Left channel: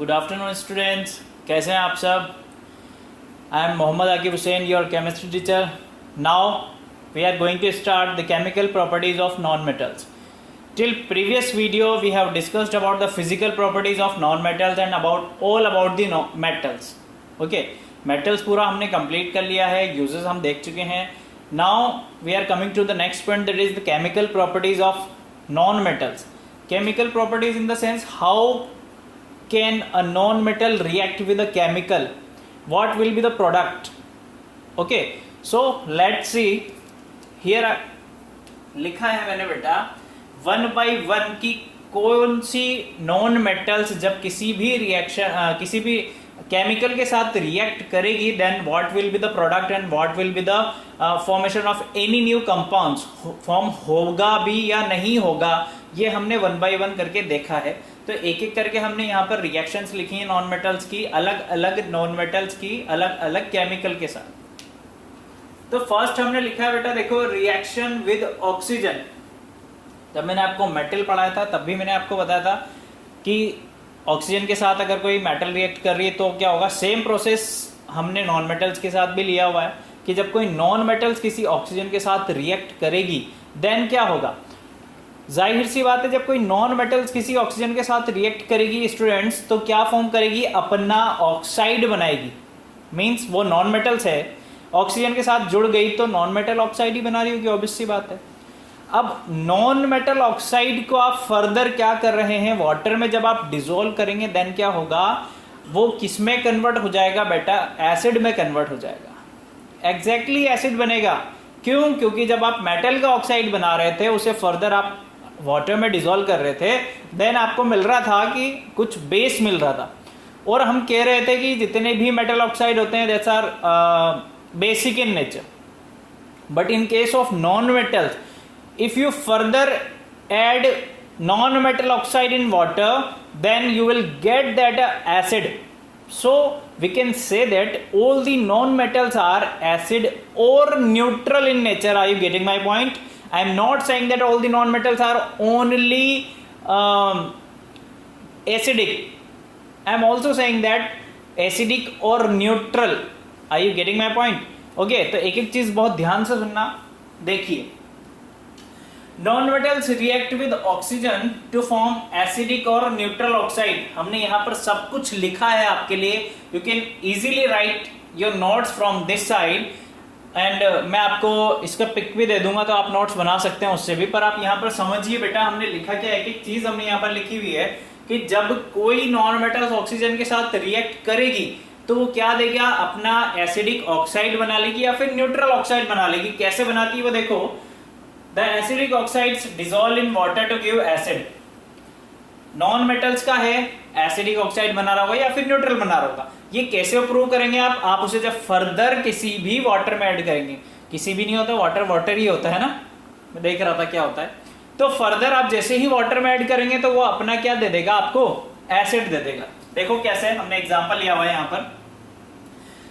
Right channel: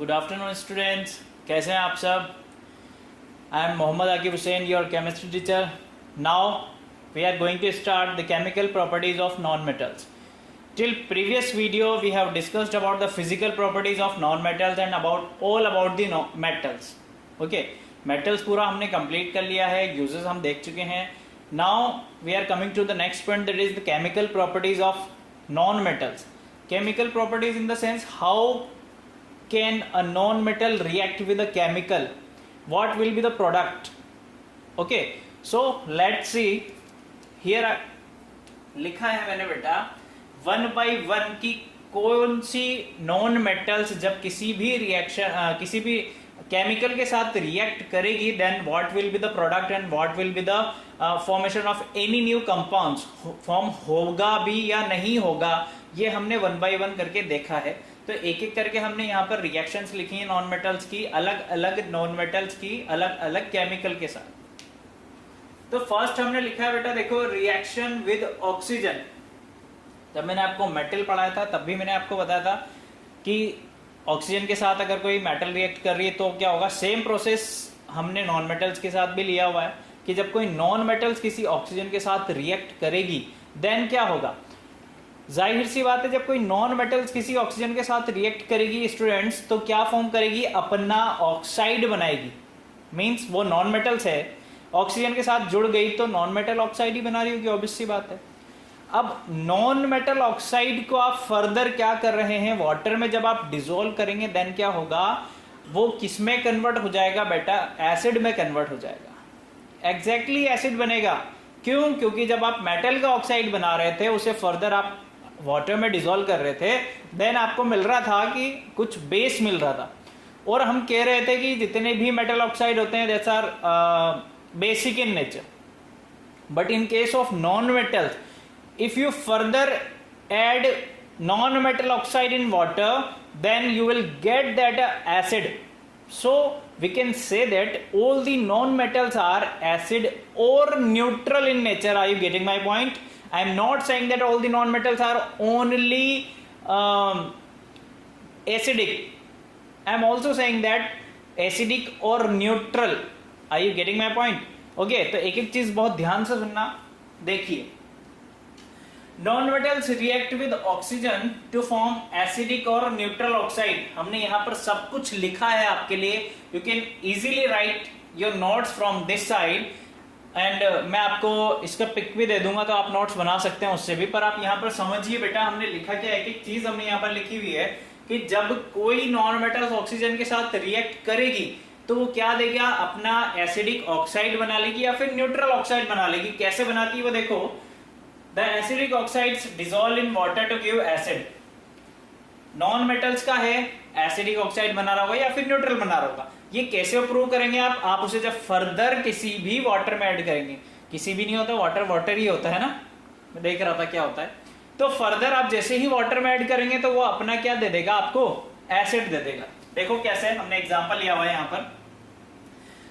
Good afternoon students, कैसे हैं आप सब। I am Mohammad Aqib Hussain, your chemistry teacher. Now we are going to start the chemical properties of non metals. Till previous video we have discussed about the physical properties of non-metals and about the metals. Okay, metals पूरा हमने complete कर लिया है, uses हम देख चुके हैं. Now we are coming to the next point, that is the chemical properties of non-metals. Chemical properties in the sense, how can a non-metal react with a chemical? What will be the product? Okay, so let's see. Here लिखा है मैंने बेटा 1 by 1 की कौन सी non metals जब किसी भी reaction किसी भी केमिकल के साथ रिएक्ट करेगी, then what will be the product and what will be the formation of any new compounds. Form होगा भी या नहीं होगा, ये हमने 1 by 1 करके देखा है. तो एक एक करके हमने यहाँ पर रिएक्शंस लिखी हैं नॉन मेटल्स की, अलग अलग नॉन मेटल्स की अलग अलग केमिकल के साथ. तो फर्स्ट हमने लिखा है बेटा, देखो, रिएक्शन विद ऑक्सीजन. जब मैंने आपको मेटल पढ़ाया था तब भी मैंने आपको बताया था कि ऑक्सीजन के साथ अगर कोई मेटल रिएक्ट कर रही है तो क्या होगा. सेम प्रोसेस हमने नॉन मेटल्स के साथ भी लिया हुआ है कि जब कोई नॉन मेटल्स किसी ऑक्सीजन के साथ रिएक्ट करेगी देन क्या होगा. जाहिर सी बात है, जब कोई नॉन मेटल्स किसी ऑक्सीजन के साथ रिएक्ट करेगी स्टूडेंट्स, तो क्या फॉर्म करेगी, अपना ऑक्साइड बनाएगी. मीन्स वो नॉन मेटल्स है, ऑक्सीजन के साथ जुड़ गई तो नॉन मेटल ऑक्साइड ही बना रही होगी, ऑब्वियस सी बात है. अब नॉन मेटल ऑक्साइड को आप फर्दर क्या कर रहे हैं, वाटर में जब आप डिसोल्व करेंगे देन क्या होगा, वो किस में कन्वर्ट हो जाएगा बेटा, एसिड में कन्वर्ट हो जाएगा. एग्जैक्टली एसिड बनेगा. क्यों? क्योंकि जब आप मेटल का ऑक्साइड बना रहे थे, उसे फर्दर आप वाटर में डिसोल्व कर रहे थे, देन आपको मिल रहा था कि कुछ बेस मिल रहा था. और हम कह रहे थे कि जितने भी मेटल ऑक्साइड होते हैं that's are basic in nature. But in case of non metals, if you further add non-metal oxide in water, then you will get that acid. So we can say that all the non-metals are acid or neutral in nature. Are you getting my point? I am not saying that all the non-metals are only acidic. I am also saying that acidic or neutral. Are you getting my point? Okay, तो एक एक चीज बहुत ध्यान से सुनना. देखिए, non metals react with oxygen to form acidic और न्यूट्रल ऑक्साइड. हमने यहाँ पर सब कुछ लिखा है आपके लिए. You can easily write your notes from this side and मैं आपको इसका पिक भी दे दूंगा तो आप नोट्स बना सकते हैं उससे भी. पर आप यहाँ पर समझिए बेटा, हमने लिखा क्या, एक एक चीज हमने यहाँ पर लिखी हुई है कि जब कोई नॉन मेटल्स ऑक्सीजन के साथ रिएक्ट करेगी तो वो क्या देगा, अपना एसिडिक ऑक्साइड बना लेगी या फिर न्यूट्रल ऑक्साइड बना लेगी. कैसे बनाती है वो देखो. The acidic oxides dissolve in water to give acid. Non metals का है एसिडिक ऑक्साइड बना रहा होगा या फिर न्यूट्रल बना रहा होगा. ये कैसे प्रूव करेंगे आप उसे जब फर्दर किसी भी वाटर में ऐड करेंगे. किसी भी नहीं होता, वाटर ही होता है ना. मैं देख रहा था क्या होता है. तो फर्दर आप जैसे ही वाटर में ऐड करेंगे तो वो अपना क्या दे देगा, आपको एसिड दे देगा. देखो कैसे, हमने एग्जाम्पल लिया हुआ है यहाँ पर.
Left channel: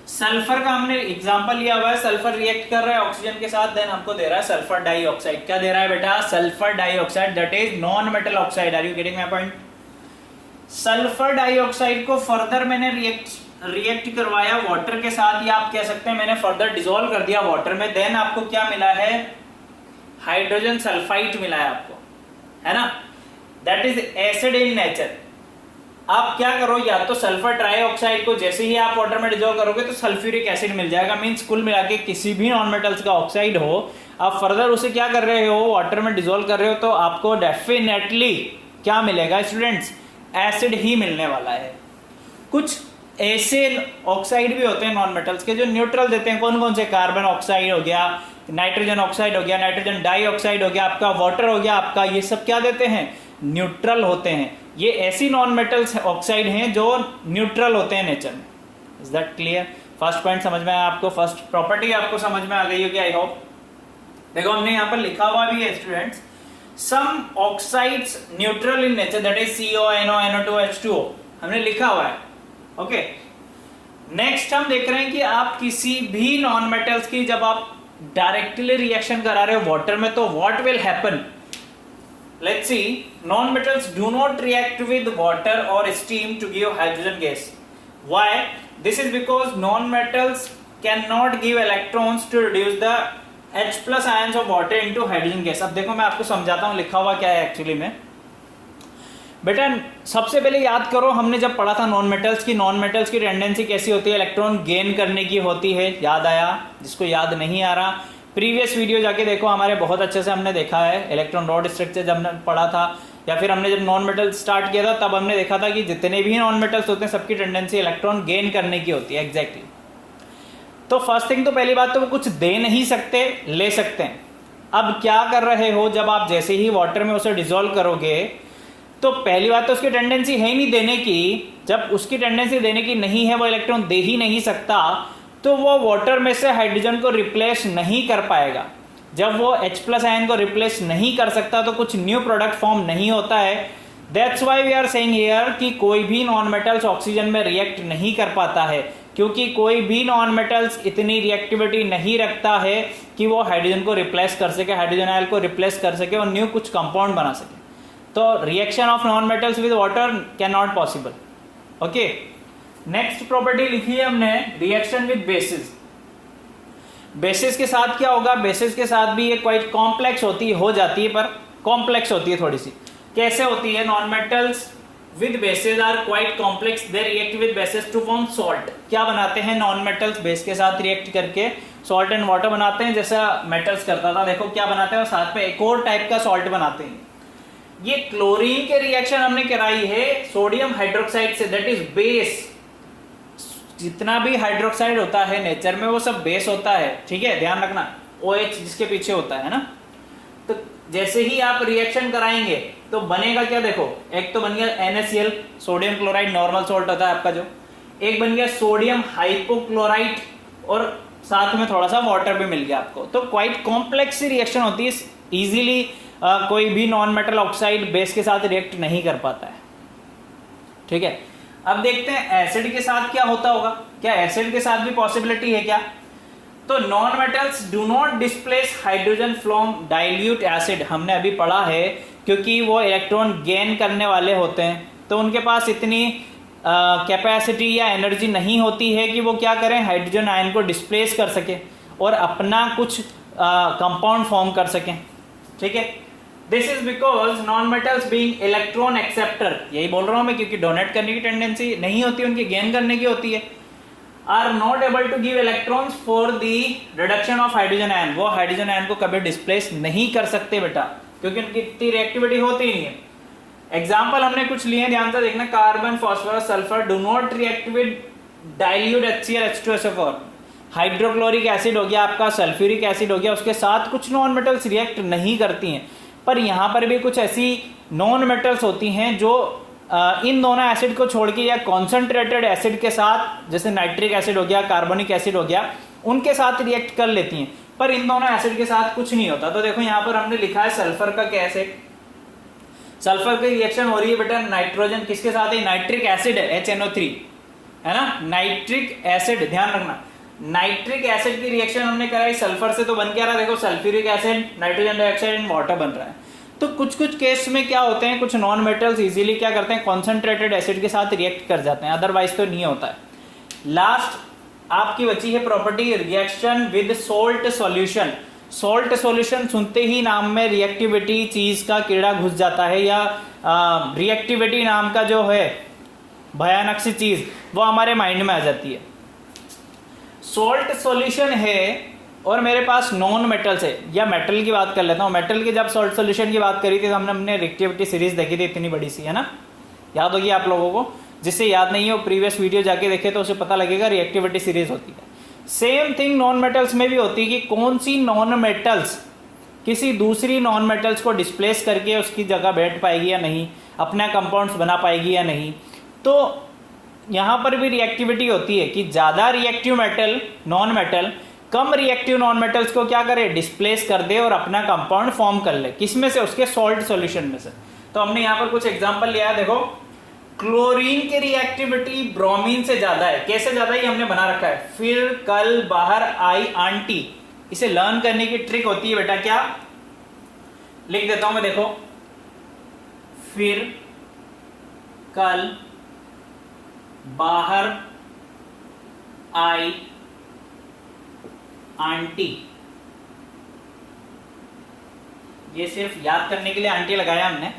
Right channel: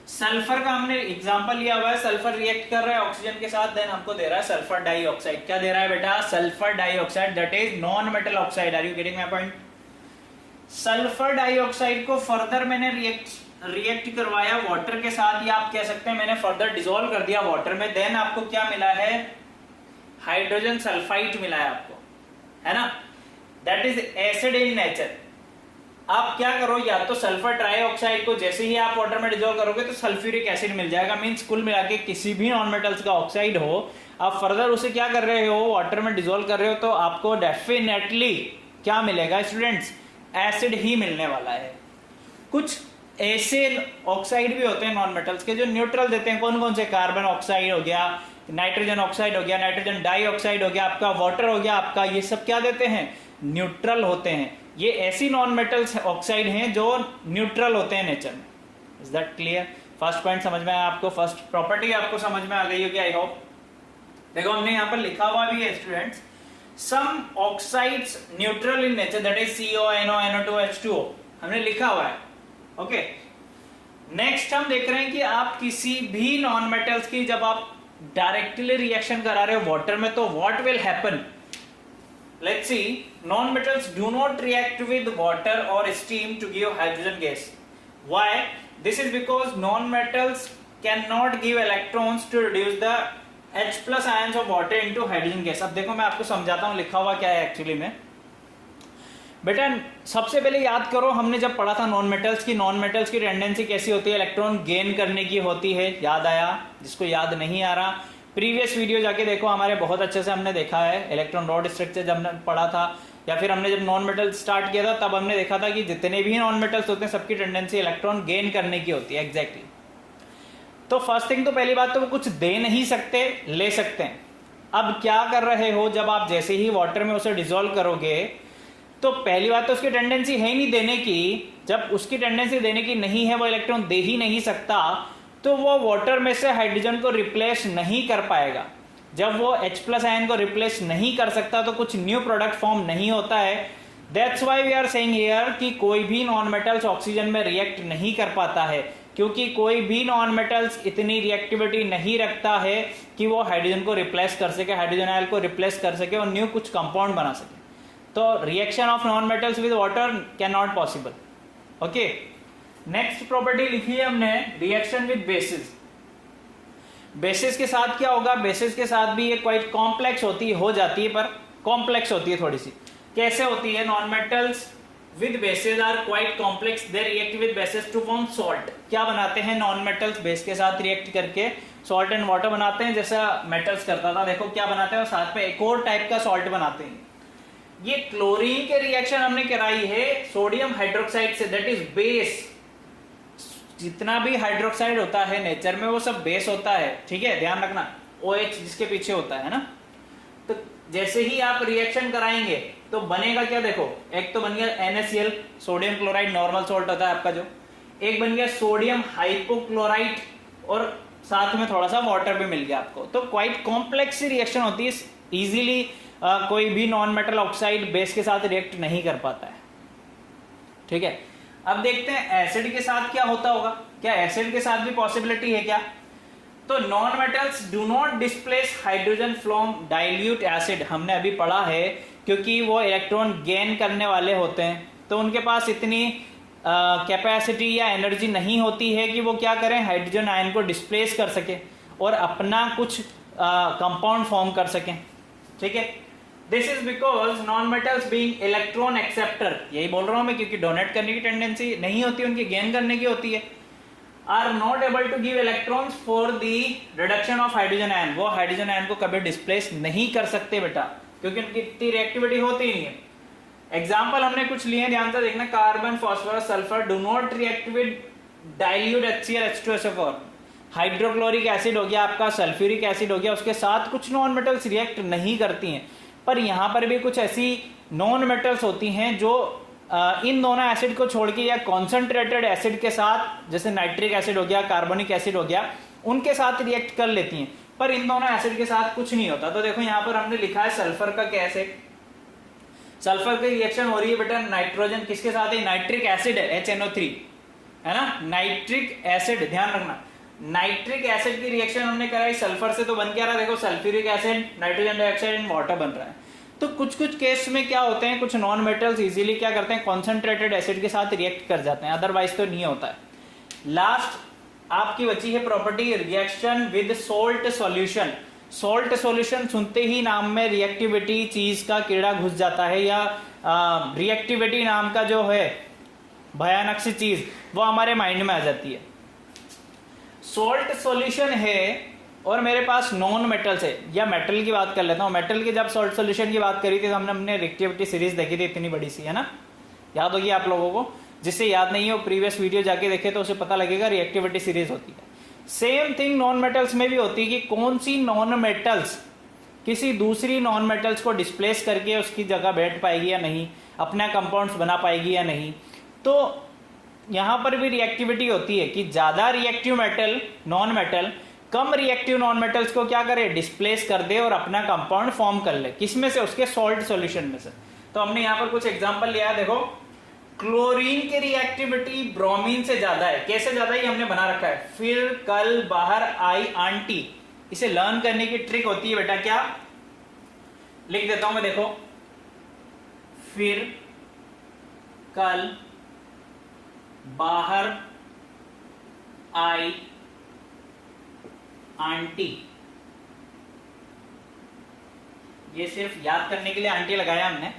सल्फर का हमने एग्जांपल लिया हुआ है. सल्फर रिएक्ट कर रहा है ऑक्सीजन के साथ, देन हमको दे रहा है सल्फर डाइऑक्साइड. क्या दे रहा है बेटा, sulphur dioxide, that is non metal oxide. Are you getting my point. Sulphur dioxide को फर्दर मैंने रिएक्ट करवाया वाटर के साथ, या आप कह सकते हैं मैंने फर्दर डिसोल्व कर दिया वाटर में. देन आपको क्या मिला है, हाइड्रोजन सल्फाइड मिला है आपको, है ना. That is acid in nature. आप क्या करो, या तो सल्फर ट्राइऑक्साइड को जैसे ही आप वाटर में डिसॉल्व करोगे तो सल्फ्यूरिक एसिड मिल जाएगा. मींस कुल मिला के किसी भी नॉन मेटल्स का ऑक्साइड हो, आप फर्दर उसे क्या कर रहे हो, वाटर में डिसॉल्व कर रहे हो, तो आपको डेफिनेटली क्या मिलेगा स्टूडेंट्स, एसिड ही मिलने वाला है. कुछ ऐसे ऑक्साइड भी होते हैं नॉन मेटल्स के जो न्यूट्रल देते हैं. कौन कौन से, कार्बन ऑक्साइड हो गया, नाइट्रोजन ऑक्साइड हो गया, नाइट्रोजन डाइऑक्साइड हो गया, आपका वाटर हो गया आपका, ये सब क्या देते हैं, न्यूट्रल होते हैं. ये ऐसी नॉन मेटल्स ऑक्साइड हैं जो न्यूट्रल होते हैं नेचर में. Is that clear. First point समझ में आया आपको, फर्स्ट प्रॉपर्टी आपको समझ में आ गई होगी आई होप. देखो हमने यहाँ पर लिखा हुआ भी है students, some oxides neutral in nature, that is CO, NO, NO2, H2O. हमने लिखा हुआ है. ओके, नेक्स्ट हम देख रहे हैं कि आप किसी भी नॉन मेटल्स की जब आप डायरेक्टली रिएक्शन करा रहे हो वाटर में, तो what will happen. let's see, non-metals do not react with water or steam to give hydrogen gas. Why? This is because non-metals cannot give electrons to reduce the H plus ions of water into hydrogen gas. अब देखो मैं आपको समझाता हूँ लिखा हुआ क्या है एक्चुअली में। बेटा सबसे पहले याद करो, हमने जब पढ़ा था नॉन मेटल्स की टेंडेंसी कैसी होती है, इलेक्ट्रॉन गेन करने की होती है। याद आया? जिसको याद नहीं आ रहा प्रीवियस वीडियो जाके देखो, हमारे बहुत अच्छे से हमने देखा है इलेक्ट्रॉन रॉड स्ट्रक्चर जब हमने पढ़ा था, या फिर हमने जब नॉन मेटल स्टार्ट किया था तब हमने देखा था कि जितने भी नॉन मेटल्स होते हैं सबकी टेंडेंसी इलेक्ट्रॉन गेन करने की होती है। एग्जैक्टली। तो फर्स्ट थिंग, तो पहली बात तो वो कुछ दे नहीं सकते, ले सकते हैं। अब क्या कर रहे हो, जब आप जैसे ही वाटर में उसे डिसॉल्व करोगे तो पहली बात तो उसकी टेंडेंसी है ही नहीं देने की। जब उसकी टेंडेंसी देने की नहीं है, वो इलेक्ट्रॉन दे ही नहीं सकता, तो वो वाटर में से हाइड्रोजन को रिप्लेस नहीं कर पाएगा। जब वो H प्लस आयन को रिप्लेस नहीं कर सकता तो कुछ न्यू प्रोडक्ट फॉर्म नहीं होता है। That's why we are saying here कि कोई भी नॉन मेटल्स ऑक्सीजन में रिएक्ट नहीं कर पाता है, क्योंकि कोई भी नॉन मेटल्स इतनी रिएक्टिविटी नहीं रखता है कि वो हाइड्रोजन को रिप्लेस कर सके, हाइड्रोजन आयन को रिप्लेस कर सके और न्यू कुछ कंपाउंड बना सके। तो reaction of non metals with water can not possible. Okay, next property लिखी है हमने, रिएक्शन विद बेसिस। बेसिस के साथ क्या होगा, बेसिस के साथ भी ये क्वाइट कॉम्प्लेक्स होती हो जाती है, पर कॉम्प्लेक्स होती है थोड़ी सी। कैसे होती है? Non metals with bases are quite complex, they react with bases to form salt. क्या बनाते हैं नॉन मेटल्स? बेस के साथ रिएक्ट करके सॉल्ट एंड वाटर बनाते हैं, जैसा मेटल्स करता था। देखो क्या बनाते हैं, और साथ में एक और टाइप का सॉल्ट बनाते हैं। ये क्लोरीन के रिएक्शन हमने कराई है सोडियम हाइड्रोक्साइड से, दैट इज बेस। जितना भी हाइड्रोक्साइड होता है नेचर में वो सब बेस होता है, ठीक है, ध्यान रखना। OH जिसके पीछे होता है ना। तो जैसे ही आप रिएक्शन कराएंगे तो बनेगा क्या, देखो, एक तो बन गया NaCl, sodium chloride, normal salt होता है आपका जो। एक बन गया सोडियम हाइपोक्लोराइड, और साथ में थोड़ा सा वाटर भी मिल गया आपको। तो क्वाइट कॉम्प्लेक्स रिएक्शन होती है, इजीली कोई भी नॉन मेटल ऑक्साइड बेस के साथ रिएक्ट नहीं कर पाता है, ठीक है। अब देखते हैं एसिड के साथ क्या होता होगा। क्या एसिड के साथ भी पॉसिबिलिटी है क्या? तो non metals do not displace hydrogen from dilute acid, हमने अभी पढ़ा है, क्योंकि वो इलेक्ट्रॉन गेन करने वाले होते हैं, तो उनके पास इतनी कैपेसिटी या एनर्जी नहीं होती है कि वो क्या करें, हाइड्रोजन आयन को डिस्प्लेस कर सके और अपना कुछ कंपाउंड फॉर्म कर सकें, ठीक है। This is because non metals being electron acceptor, यही बोल रहा हूं मैं, क्योंकि डोनेट करने की टेंडेंसी नहीं होती, उनकी गेन करने की होती है। Are not able to give electrons for the reduction of hydrogen ion, वो हाइड्रोजन आयन को कभी डिस्प्लेस नहीं कर सकते बेटा, क्योंकि उनकी इतनी रिएक्टिविटी होती ही नहीं है। एग्जाम्पल हमने कुछ लिए, ध्यान से देखना। Carbon, phosphorus, sulphur do not react with dilute HCl H2SO4। Hydrochloric acid हो गया आपका, सल्फ्यूरिक एसिड हो गया, उसके साथ कुछ नॉन मेटल्स रिएक्ट नहीं करती हैं। पर यहां पर भी कुछ ऐसी नॉन मेटल्स होती हैं जो इन दोनों एसिड को छोड़ के या कॉन्सेंट्रेटेड एसिड के साथ, जैसे नाइट्रिक एसिड हो गया, कार्बोनिक एसिड हो गया, उनके साथ रिएक्ट कर लेती हैं, पर इन दोनों एसिड के साथ कुछ नहीं होता। तो देखो यहां पर हमने लिखा है सल्फर का कैसे, सल्फर की रिएक्शन हो रही है बेटा नाइट्रोजन किसके साथ है, नाइट्रिक एसिड है, HNO3 है ना, नाइट्रिक एसिड, ध्यान रखना। नाइट्रिक एसिड की रिएक्शन हमने कराई सल्फर से, तो बन क्या रहा है, देखो sulphuric acid, nitrogen dioxide and water बन रहा है। तो कुछ कुछ केस में क्या होते हैं, कुछ नॉन मेटल्स इजीली क्या करते हैं, कॉन्सेंट्रेटेड एसिड के साथ रिएक्ट कर जाते हैं, अदरवाइज तो नहीं होता है। लास्ट आपकी बची है property reaction with salt solution. Salt solution सुनते ही नाम में रिएक्टिविटी चीज का कीड़ा घुस जाता है, या रिएक्टिविटी नाम का जो है भयानक सी चीज वो हमारे माइंड में आ जाती है। सोल्ट सॉल्यूशन है और मेरे पास नॉन मेटल्स है, या मेटल की बात कर लेता हूं। मेटल की जब सॉल्ट सॉल्यूशन की बात करी थी तो हमने रिएक्टिविटी सीरीज देखी थी, इतनी बड़ी सी, है ना, याद होगी आप लोगों को। जिससे याद नहीं है वो प्रीवियस वीडियो जाके देखे तो उसे पता लगेगा, रिएक्टिविटी सीरीज होती है। सेम थिंग नॉन मेटल्स में भी होती है कि कौन सी नॉन मेटल्स किसी दूसरी नॉन मेटल्स को डिस्प्लेस करके उसकी जगह बैठ पाएगी या नहीं, अपना कंपाउंड्स बना पाएगी या नहीं। तो यहां पर भी रिएक्टिविटी होती है कि ज्यादा रिएक्टिव मेटल नॉन मेटल कम रिएक्टिव नॉन मेटल्स को क्या करे, डिस्प्लेस कर दे और अपना कंपाउंड फॉर्म कर ले, किसमें से, उसके सॉल्ट सॉल्यूशन में से। तो हमने यहां पर कुछ एग्जांपल लिया है, देखो क्लोरीन की रिएक्टिविटी ब्रोमीन से ज्यादा है। कैसे ज्यादा है, हमने बना रखा है, फिर कल बाहर आई आंटी। इसे लर्न करने की ट्रिक होती है बेटा, क्या लिख देता हूं मैं, देखो फिर कल बाहर आई आंटी। ये सिर्फ याद करने के लिए आंटी लगाया हमने।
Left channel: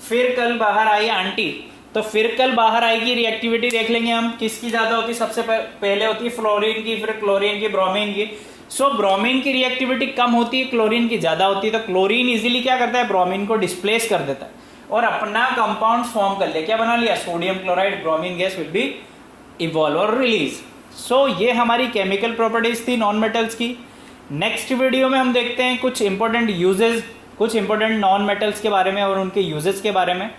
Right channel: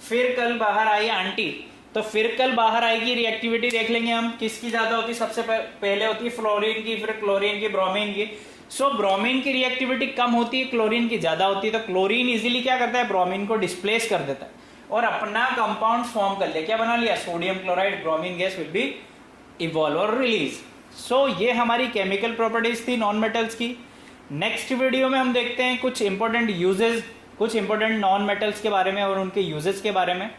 फिर कल बाहर आई आंटी, तो फिर कल बाहर आई की रिएक्टिविटी देख लेंगे हम, किसकी ज्यादा होती है। सबसे पहले होती है फ्लोरीन की, फिर क्लोरीन की, ब्रोमीन की। सो ब्रोमीन की रिएक्टिविटी कम होती है, क्लोरीन की ज्यादा होती है। तो क्लोरीन इजीली क्या करता है, ब्रोमीन को डिस्प्लेस कर देता है और अपना कंपाउंड फॉर्म कर लिया। क्या बना लिया, sodium chloride, bromine gas will be evolve और रिलीज। सो ये हमारी केमिकल प्रॉपर्टीज थी नॉन मेटल्स की। नेक्स्ट वीडियो में हम देखते हैं कुछ इंपॉर्टेंट यूजेस, कुछ इंपॉर्टेंट नॉन मेटल्स के बारे में और उनके यूजेस के बारे में,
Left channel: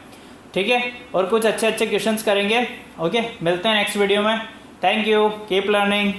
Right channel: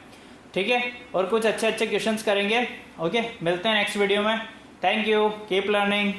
ठीक है। और कुछ अच्छे अच्छे क्वेश्चंस करेंगे। ओके, मिलते हैं नेक्स्ट वीडियो में। Thank you, keep learning.